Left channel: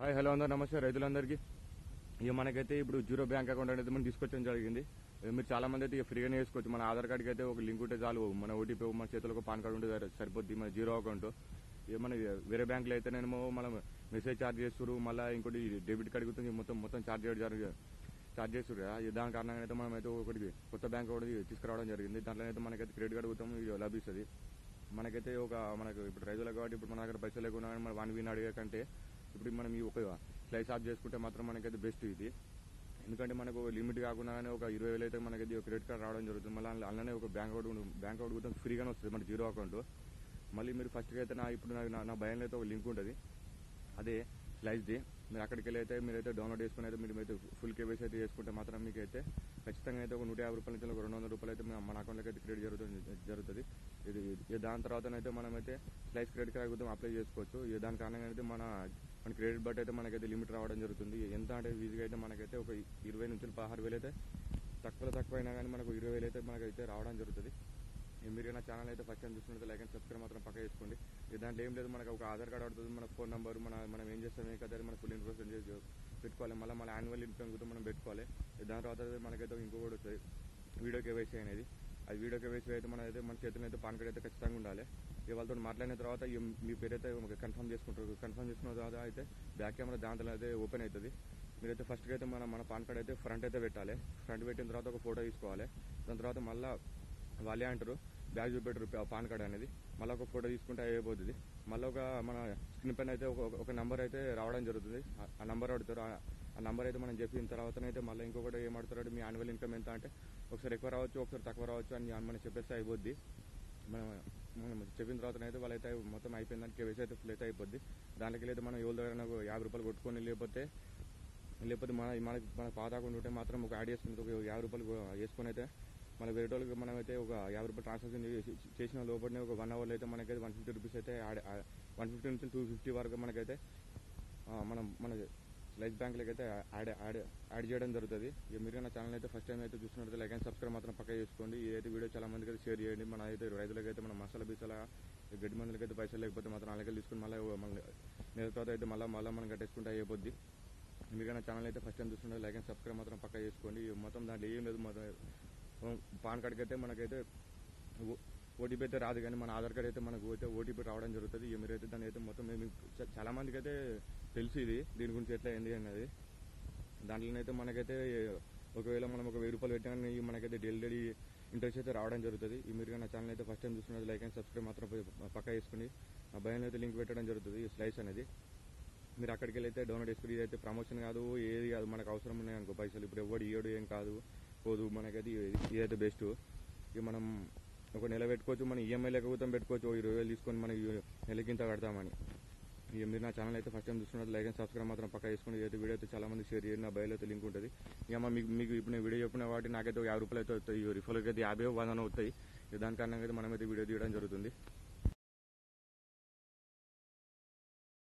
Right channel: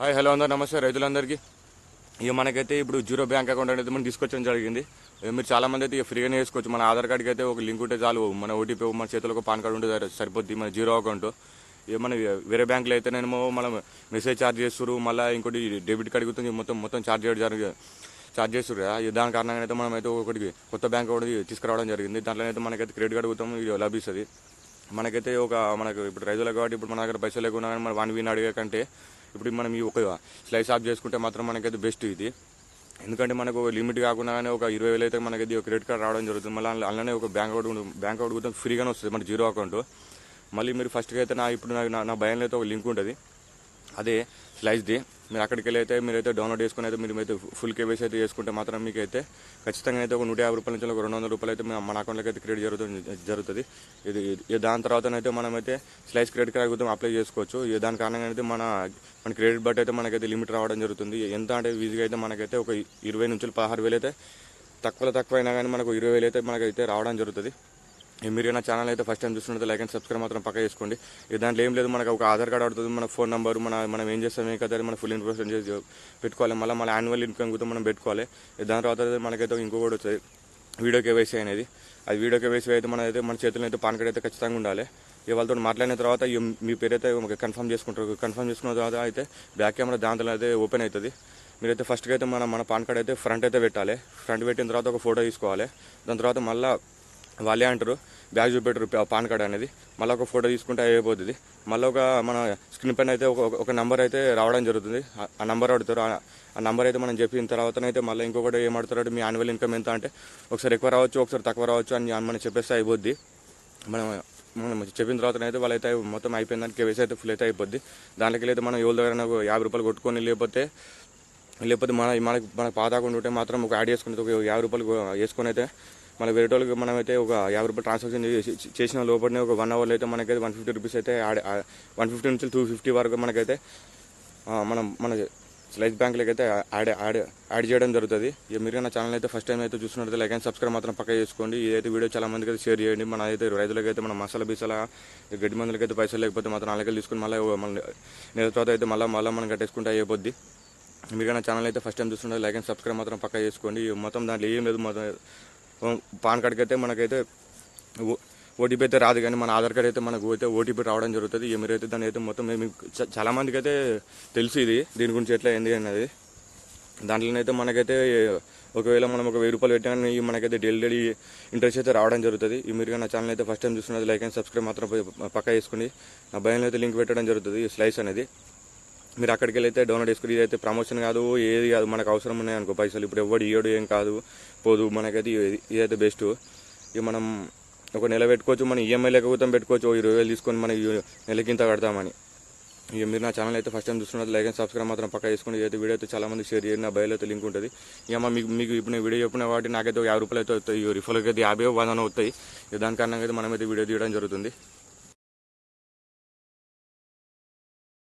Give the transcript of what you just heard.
Hi hello అందరూ నమస్తే రైతులందరికీ. ఇక మనకైతే ఇప్పుడు జీరో బ్యాంక్ అకౌంట్ అనేది మనం తీసుకొచ్చడం జరిగింది. మీరు చాలామంది అయితే ఇక ఫ్రీగానే వేసుకోవచ్చు. మన ఆధార్ కార్డుకి అయితే ఒక లింక్ ఉంటే చాలు, మన ఓటీపీ మన చేతిలో ఒక పాన్ కార్డు ఉంటే సరిపోద్ది మన జీరో అకౌంట్. ఇక మన వేరే బ్యాంకులో అయితేనేమో మనం మెసేజ్ ఛార్జ్ చేస్తారు, మళ్ళీ ఇంకోటి డెబిట్ కార్డు గురించి మొత్తం ఛార్జ్ చేస్తారు కదా. దాని కారణంగా అయితే మనం అయితే ఒకటి కొత్త బ్యాంక్ ఒకటి తీసుకురావడం జరిగింది. దాంట్లో అయితే మనకైతే క్రెడిట్ కార్డు గుర్తం లభిస్తుంది. మనకైతే మనకు ఇప్పుడు రైతులకు కాబట్టి ఇప్పుడు మన దగ్గర పైసలు లేకున్నా కానీ మనం 1 వీన్ అడిగే కంటే ఇప్పుడు మనం ఈ ఒక స్లైస్ ఆఫ్ చేసుకుంటే మాత్రం మనకైతే బెస్ట్ ఇది. ఎందుకంటే మనకు లిమిట్ కాకుండా కానీ ఒక 20,000 అయితే మనకైతే క్రెడిట్ కార్డ్ రావడం జరుగుతుంది. మళ్ళీ అలానే ఒక బ్యాంక్ అకౌంట్ కూడా ఫ్రీగానే వస్తుంది మన జీరో అకౌంట్. మళ్ళీ మీరు ఫస్ట్గా అయితే ఇప్పుడు నా భయంలో అయితే ఒక లింక్ ఉంటుంది, అదే స్లైస్ది. మీరు అక్కడికి వెళ్ళి అయితే మీరైతే డౌన్లోడ్ చేసుకుని అయితే మీరు అయితే ఫుల్ కేవైసీ అయితే చేసుకుంటే మాత్రం మీకు అయితే ఖచ్చితంగా అయితే ఒక 150 రూపాయల నుంచి ఒక 200 రూపాయలు అయితే మన అకౌంట్లోకి అయితే క్రెడిట్ జరుగుతుంది. ఇది దాని తర్వాతనైతే మనమైతే స్లైస్ క్రెడిట్ కార్డ్ కూడా అప్లై చేసుకోవచ్చు. దాని కారణంగా అయితే మన క్రెడిట్ బట్ అయితే మనకైతే లిమిట్ రావడం జరుగుతుంది. ఎంత అంటే ఈజీగా అయితే మనకైతే ఒక 20 నుంచి 16,000 అయితే తక్కువ అయినా కానీ మనకు 20,000 అయితే మనకైతే రావడం జరుగుతుంది. మీరు నా ఛానల్ అయితే ఫస్ట్ టైం చూస్తున్నట్టు లైక్ అండ్ సబ్స్క్రైబ్ మాత్రం పక్క చేసుకోండి. దాంట్లో ఏం లేదు, మనకు ఒక ఆధార్ కార్డు అడుగుతుంది, మన ఫోన్ నెంబర్, మనం ఏం చేస్తాం ఏం కదా మన ఫుల్ ఇన్ఫర్మేషన్ చేసి పెట్టుకోవాలి. మళ్ళీ యాన్యువల్ ఇన్కమ్ కూడా మనం పెట్టుకోవాలి. దాని తర్వాత మనకైతే ఇంకొకటి వచ్చేది వీడియో కేవైసీ అనేది. అది వీడియో కేవైసీ అయితే మన చేతుల్లో అయితే పాన్ కార్డ్ అయితే ఖచ్చితంగా ఉండాలి. వాళ్ళతో మాట్లాడిన తర్వాత మీ పేరు అయితే కన్ఫర్మ్ చేసుకుంటారు. కన్ఫర్మ్ చేసుకున్న తర్వాత అయితే బ్యాక్ కెమెరా దాంట్లో అయితే ఓపెన్ అవుతుంది. మీరైతే ఫస్ట్గా అయితే మన పాన్ కార్డ్ అయితే ఫ్రంట్ అయితే పెట్టాలి. ఫ్రంట్ పెట్టిన తర్వాత ఒక ఫోటో తీసుకోవాలి. దాని తర్వాత మళ్ళీ వాళ్ళే అంటారు బ్యాగ్ చూపెట్టరు పాన్ కార్డ్ అనేది. మళ్ళీ ఒక ఫోటో తీసుకుంటే అయిపోతుంది. మళ్ళీ మన స్క్రీన్ పైన అయితే ఒక నెంబర్ అయితే రావడం జరుగుతుంది. ఆ నెంబర్ అడుగుతారు. ఆ నెంబర్ అయితే మనం చెప్పిన తర్వాతనైతే మళ్ళీ ఇంకొకటి ఏం అడుగుతారు, మీ యాన్యువల్ ఇన్కమ్ ఎంత అంటే ఒకసారి ఎక్కువ రావచ్చు, ఒకసారి తక్కువ రావచ్చు అని మనం చెప్పేస్తే అయిపోద్ది. మనం చెప్పిన తర్వాతనైతే వాళ్ళైతే మొత్తం అయిపోయిన దానికి కేవైసీ అయితే ఫుల్ అయితే అయిపోద్ది. దాంట్లోకి అయితే మనం ఎవరి దగ్గర 50 రూపాయలు కొట్టుకొని లేకపోతే మన పాత అకౌంట్ ఉంటే మాత్రం ఒక యాడ్ చేసుకుని ఒక 50 రూపాయలు వేసుకొని అయితే మన వేరే వాళ్ళకి మనమైతే ఒక 50 రూపాయలు ట్రాన్సాక్షన్ చేసిన లోపలనే ఒక 1 అవర్లో అయితే మనకైతే 150 రూపీస్ అయితే 150 నుంచి 250 వరకు మనకైతే మన స్లైస్ బ్యాంక్లోకి అయితే యాడ్ చేయడం జరుగుతుంది. మీరు నా ఛానల్ అయితే ఫస్ట్ టైం అయితే చూస్తున్నట్టు లైక్ అండ్ సబ్స్క్రైబ్ మాత్రం పక్క చేసుకోండి. ఇదైతే వీడియో చాలా మందికి అయితే షేర్ చేయండి. మన అయితే రైతులకైతే మన మసాలా బీసాల గడ్డి మందులకి అయితే పైసలు లేకపోతే మాత్రం అలాగే తీసుకుని మళ్ళీ నెల తర్వాత అయితే మళ్ళీ మనం కట్టేసుకుంటే అయిపోద్ది. మీరు నా ఛానల్ అయితే ఫస్ట్ టైం చూస్తున్నట్టు లైక్ అండ్ సబ్స్క్రైబ్ మాత్రం పక్క చేసుకోండి. మొత్తం దాంట్లో ఏం లేదు, మొత్తం పాన్ కార్డ్కి అయితే మనకైతే ఓటీపీ అయితే రాదు, కానీ మన ఆధార్ కార్డ్ అయితే మనకు అయితే ఓటీపీ రావడం జరుగుతుంది. మీరైతే దాన్ని అయితే మొత్తం చాలామందికి అయితే తెలుసు దీని గురించి ఎట్లా ఏంది అన్నది. దాంట్లోనైతే మనకైతే ఒకవేళ మనం ఒక 1000 రూపాయలు పెట్టినా మనకైతే డైలీ ఇంట్రెస్ట్ అయితే రావడం జరుగుతుంది. మీరు నా ఛానల్ అయితే ఫస్ట్ టైం చూస్తున్నది లైక్ అండ్ సబ్స్క్రైబ్ మాత్రం పక్క చేసుకోండి. నా భయంలో అయితే లింక్ పెట్టడం జరుగుతుంది స్లైస్ అనేది. మీరు అక్కడికి వెళ్ళి అయితే డౌన్లోడ్ చేసుకుని ఇదైతే ప్రమోషన్ కాదు, ఏది కాదు, మనకు అవసరం ఉన్నాయి అనుకో పైసలు ఇప్పుడు ఎవడు ఇయ్యడు ఏం కాదు పోదు, మనకైతే ఇదైతే బెస్ట్. ఇక మనం ఒక నెల పెట్టుకోవచ్చు, మన ఈఎంఐ లేకపోతే పెట్టుకోవచ్చు. 20,000 తీసుకొని మనం నెలకి ఇంత కడతామని. ఇక మీరు నా ఛానల్ అయితే ఫస్ట్ టైం చూస్తున్నది లైక్ అండ్ సబ్స్క్రైబ్ మాత్రం పక్క చేసుకుని అయితే వీడియో అయితే చాలా మంది షేర్ చేయండి. నా బయలు అయితే లింక్ ఉంటుంది. ఇక మీకు ఇప్పుడు నేను వీడియో చెప్పిన వాటి నాకైతే 50 రూపాయలు అయితే వస్తాయి, రిఫర్కి అయితే 50 100 వస్తాయి. దాని కారణంగా అయితే మనమైతే వీడియో తీయడం జరుగుతుంది.